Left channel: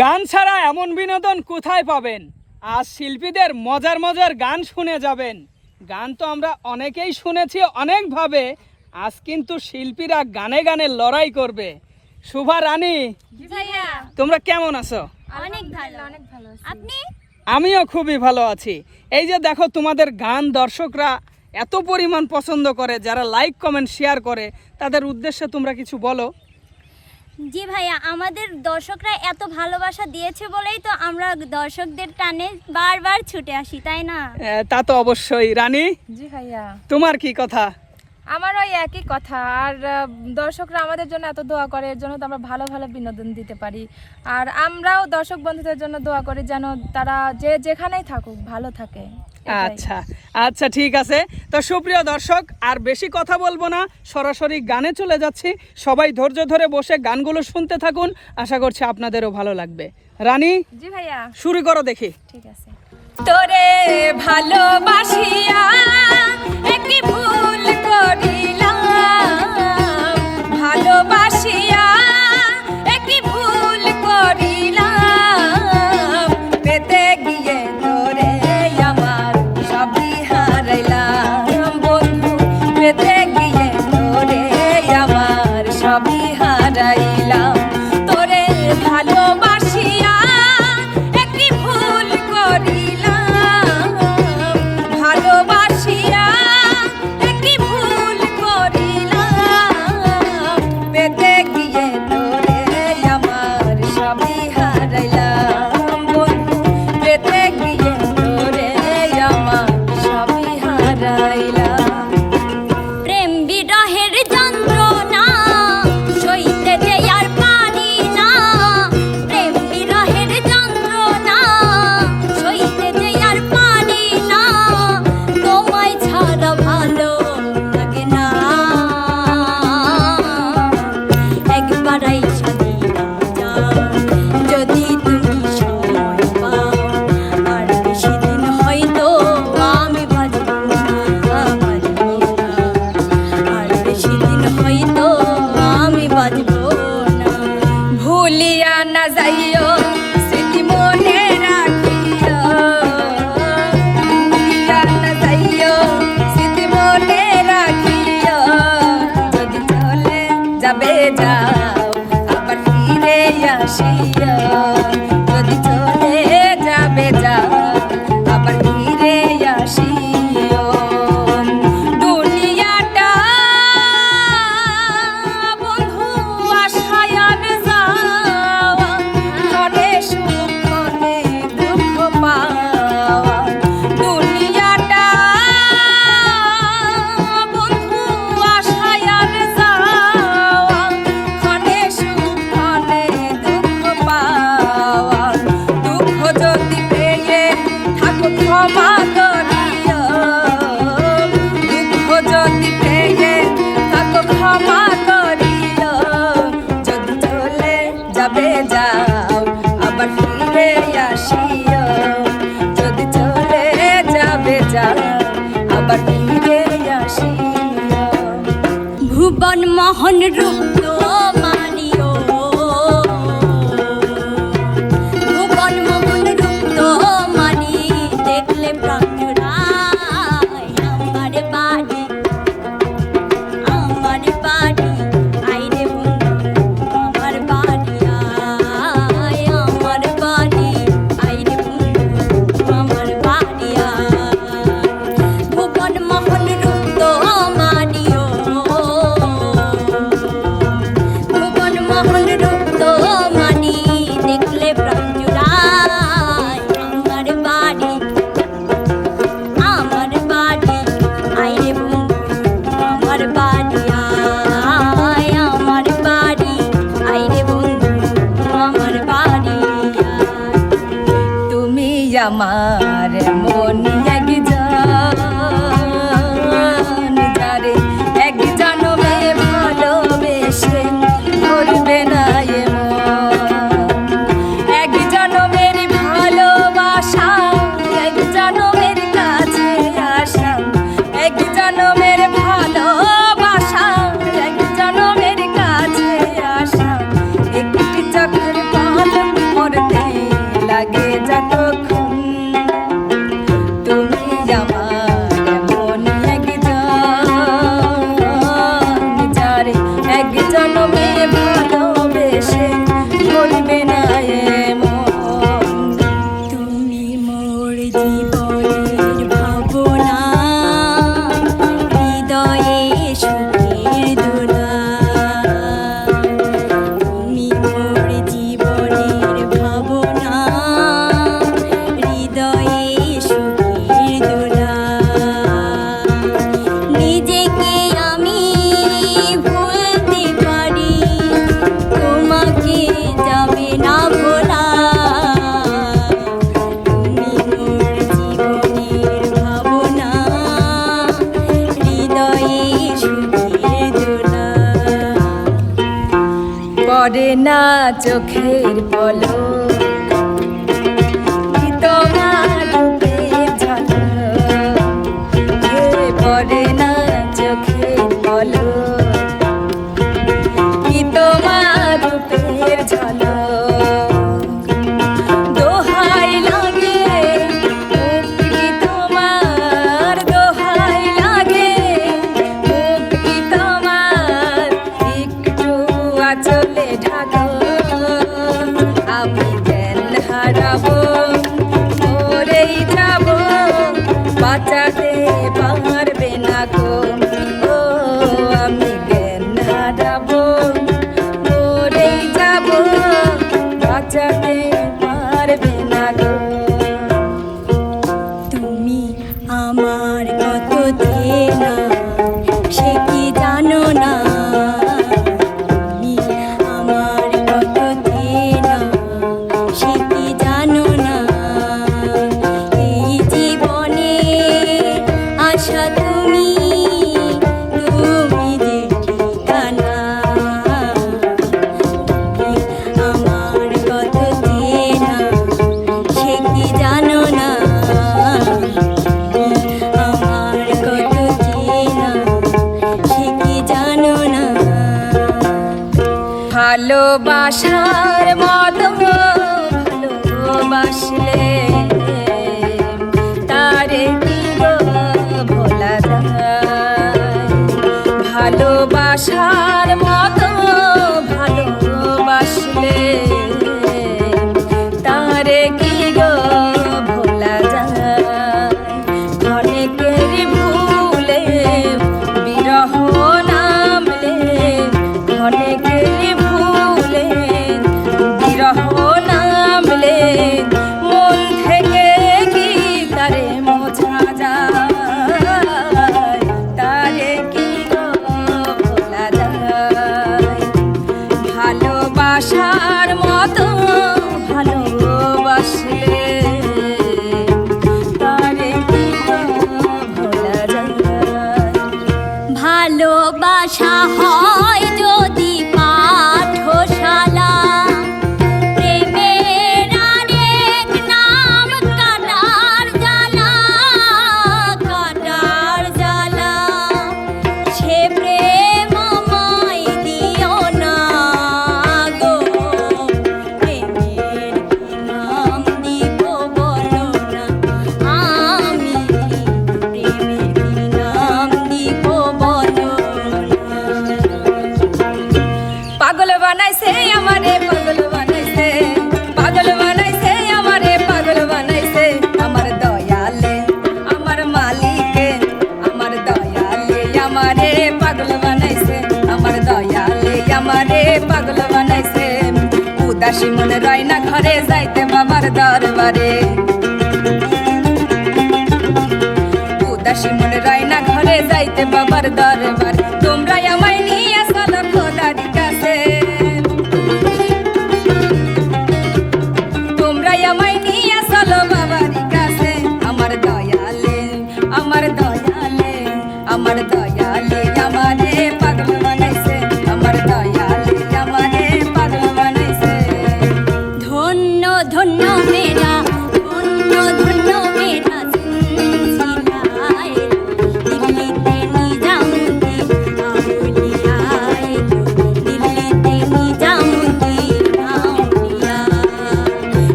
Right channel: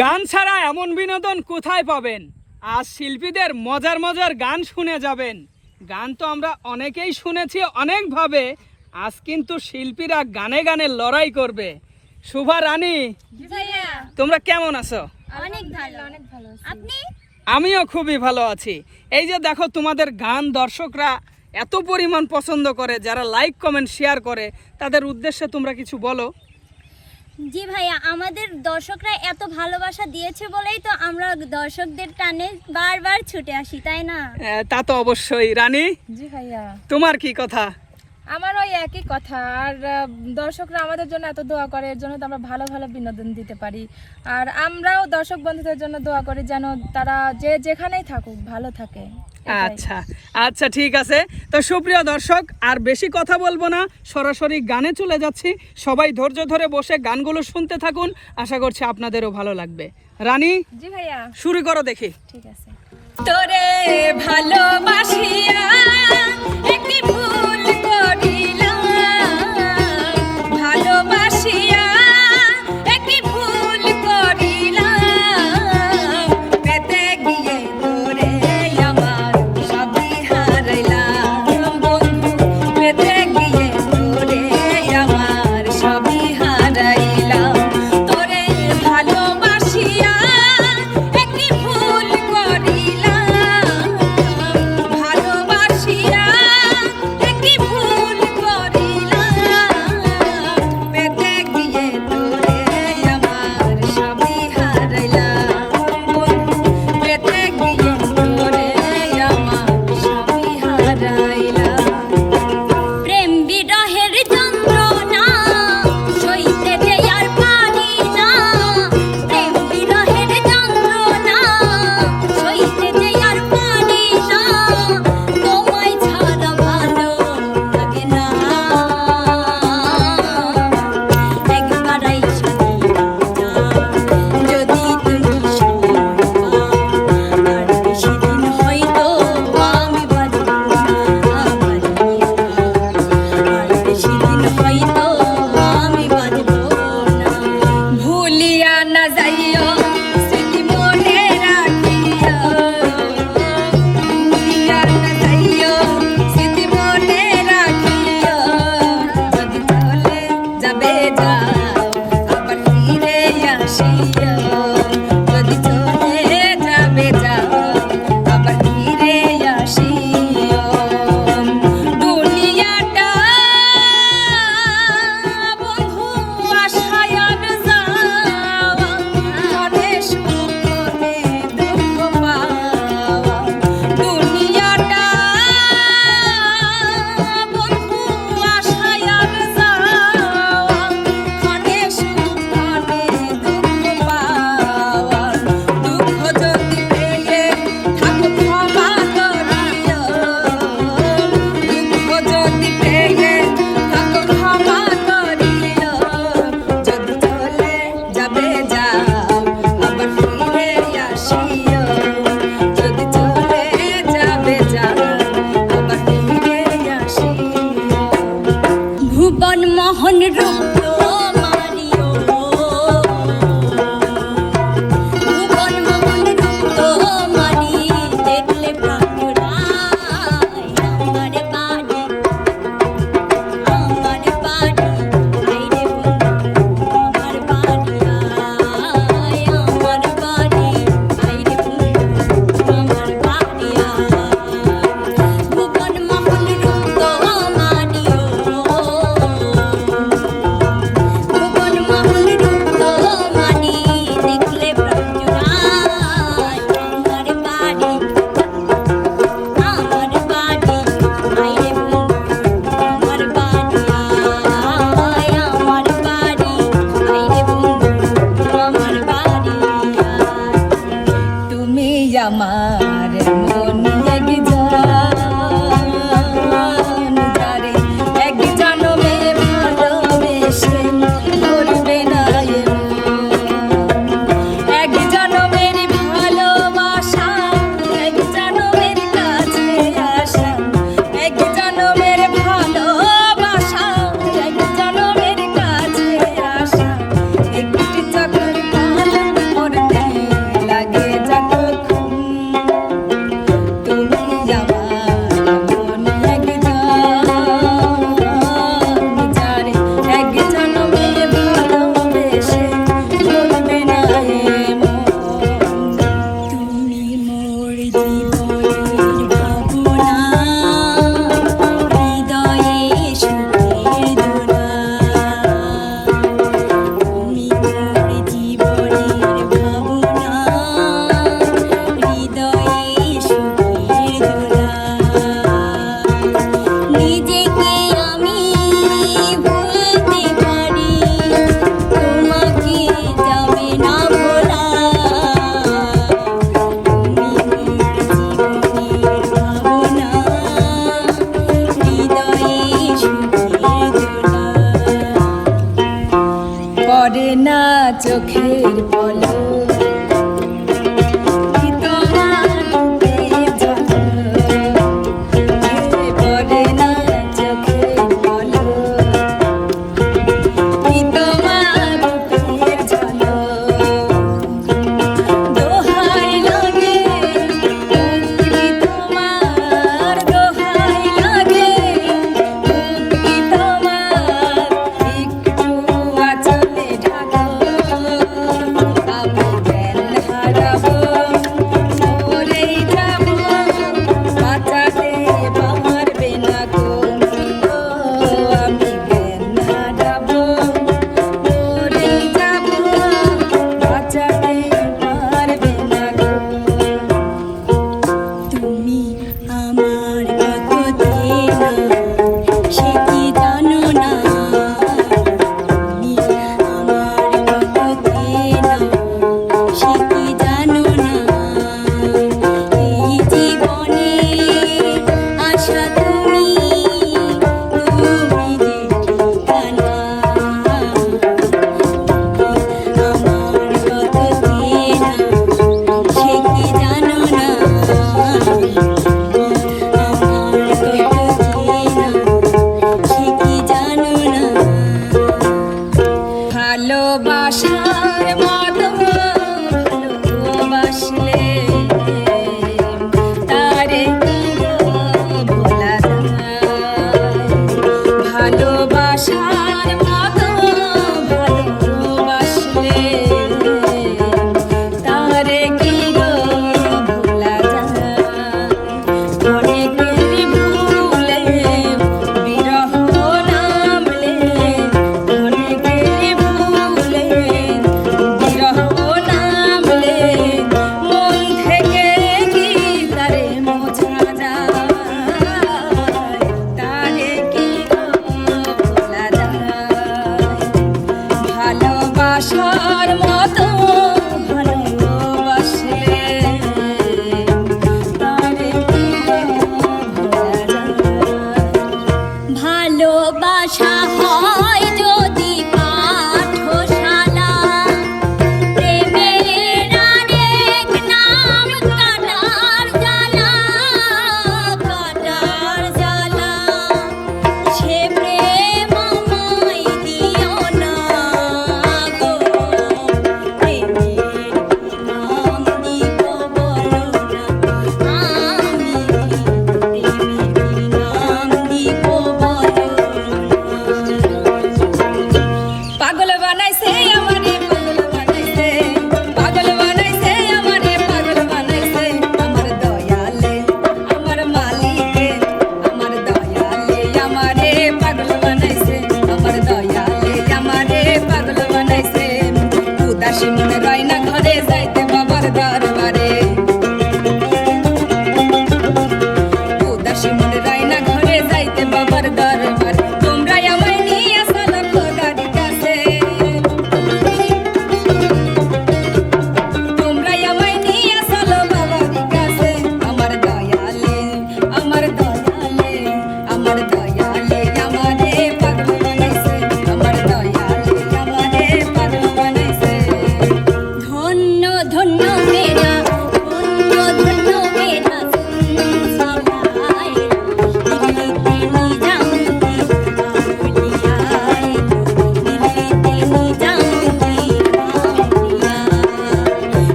গান ছাড়া এমন বিনোদন কোথায় পাবেন? আজ শিল্পীদের মজার মজার গান শুনে যাবেন। গান তো আমরা অনেকেই শুনেছি অনেকভাবে আজ কিন্তু শিল্পীরা গানে গানে লড়াই করবে। শুভা রানী তোমরা কেমন আছো? অনেক ভালো। অনেক ভালো আপনি? আমিও খুবই ভালো আছি। এই যে দেখো তোমাদের গান দর্শকরা এত পরিমাণ পছন্দ করে যারা লাইক কমেন্ট শেয়ার করে তাদের উদ্দেশ্যে তোমরা কিছু বলো। জি ভাইয়া আমাদের দর্শকরা এত ভালোবাসা দিয়েছে বলেই তো আমরা দর্শকদের টানে বারবার ছুটে আসি তাই না? তা তো অবশ্যই। রানী জি ভাইয়া। তোমার কি কথা? আমার ওই একই কথা। আর দর্শকরা আমাদের জন্য এত দোয়া করে এর জন্য তো আমরা ভালো ভালো বিনোদন দিতে পারি। আর আমরাও দর্শক বন্ধুদের জন্য দোয়া করি যেন তারা যে যেখানেই থাকুক ভালো থাকে। আচ্ছা আচ্ছা ঠিক আছে। তো সুপ্রিয় দর্শক আর বেশি কথা বলব না সরাসরি গানে চলে যাচ্ছি। সবাই ধৈর্য ধরে বসে গানগুলো শুনতে থাকুন। আশা করছি আপনাদেরও ভালো লাগবে। রানী জি ভাইয়া। শুরু করো দেখি। ঠিক আছে। তোরে ভালোবাসিয়া একটি ভুল llama. চোখের পলক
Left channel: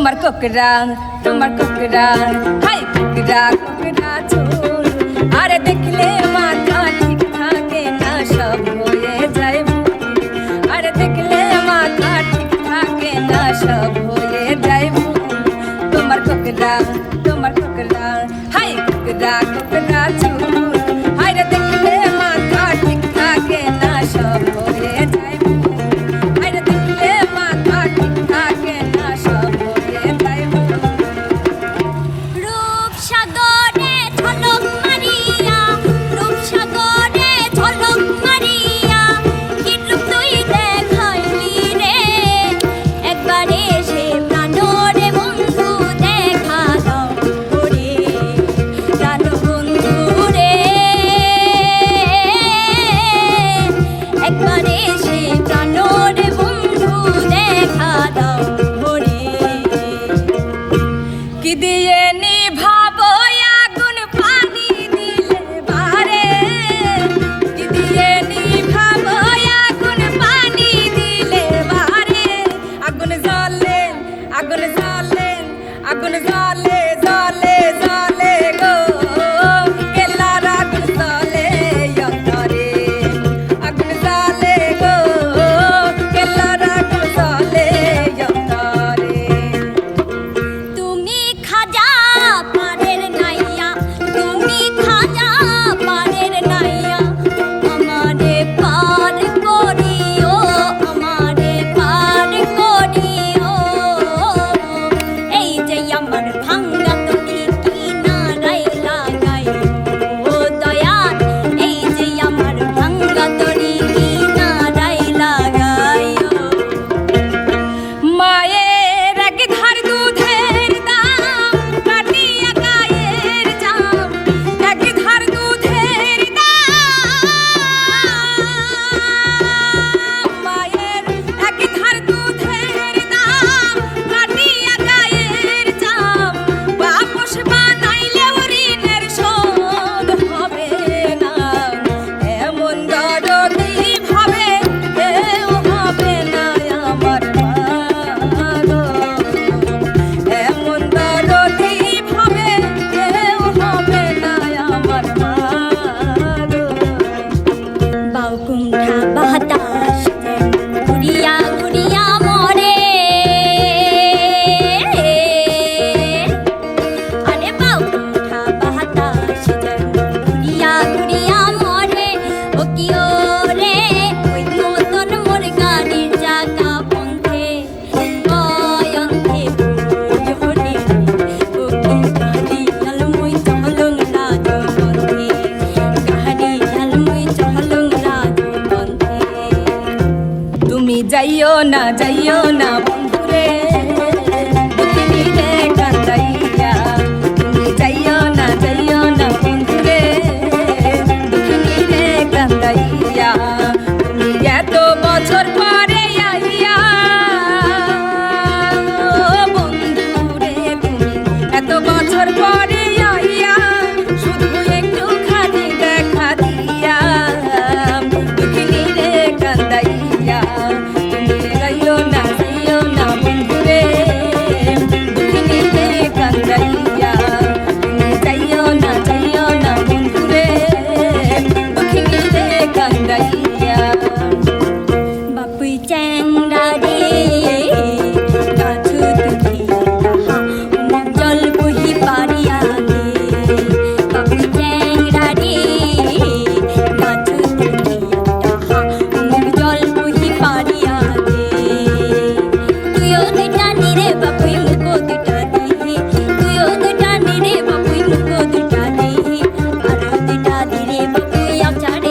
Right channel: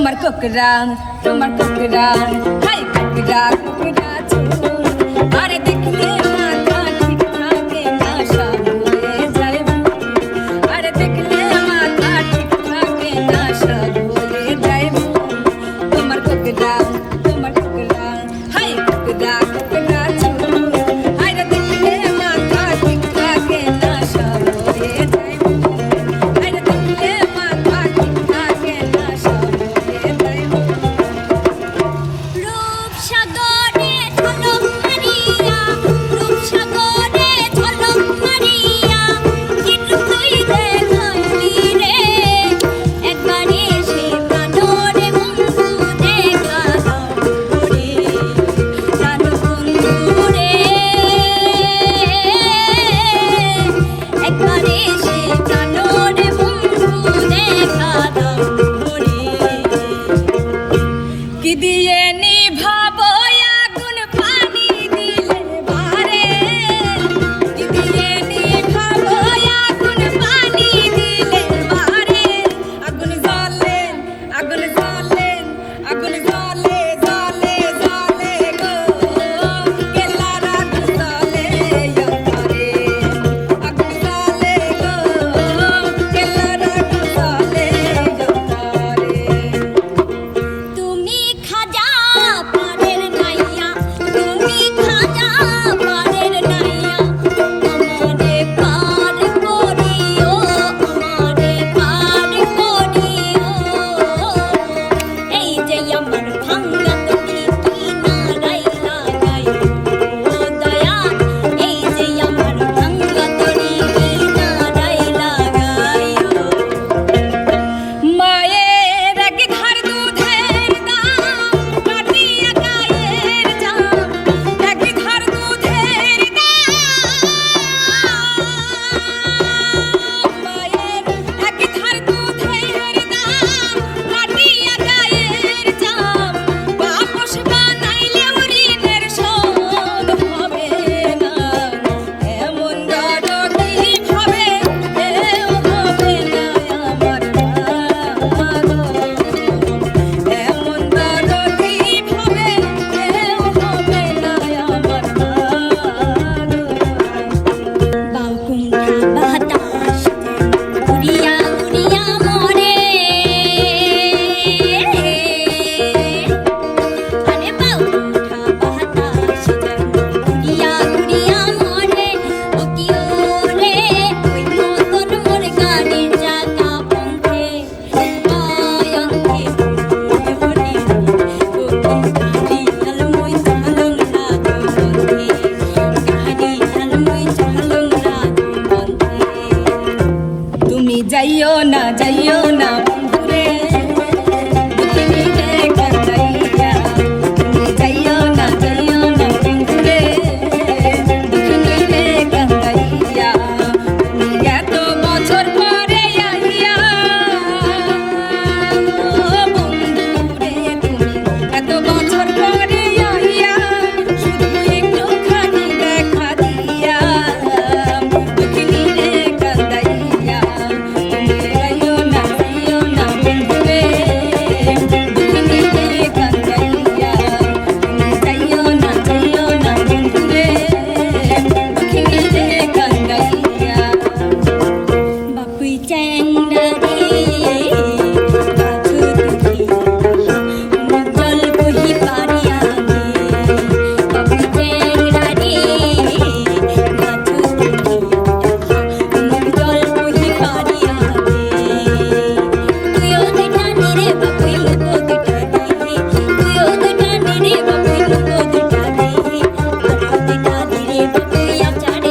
তোমার কোকড়া তোমার কোকড়া হাই কোকড়া কোকড়া যাইও না যাইও না। Đi ông trả đi.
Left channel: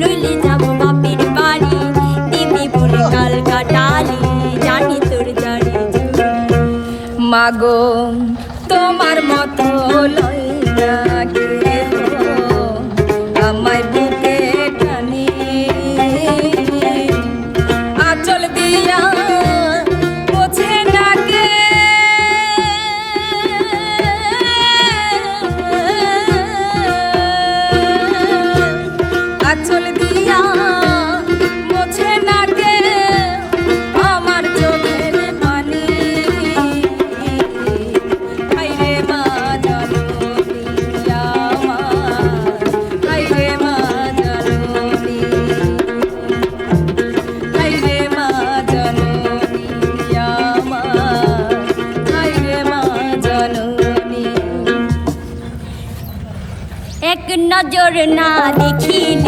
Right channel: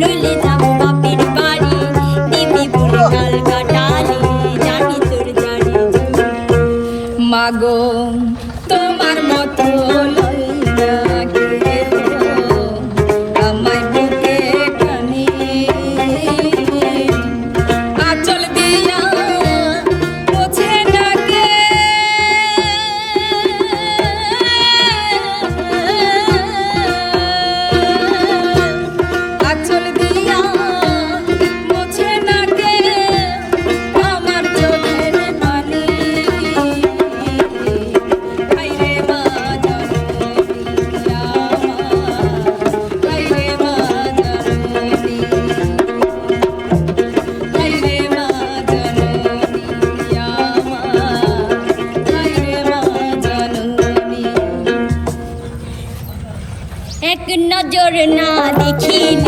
নইলে নজর না দেখিলে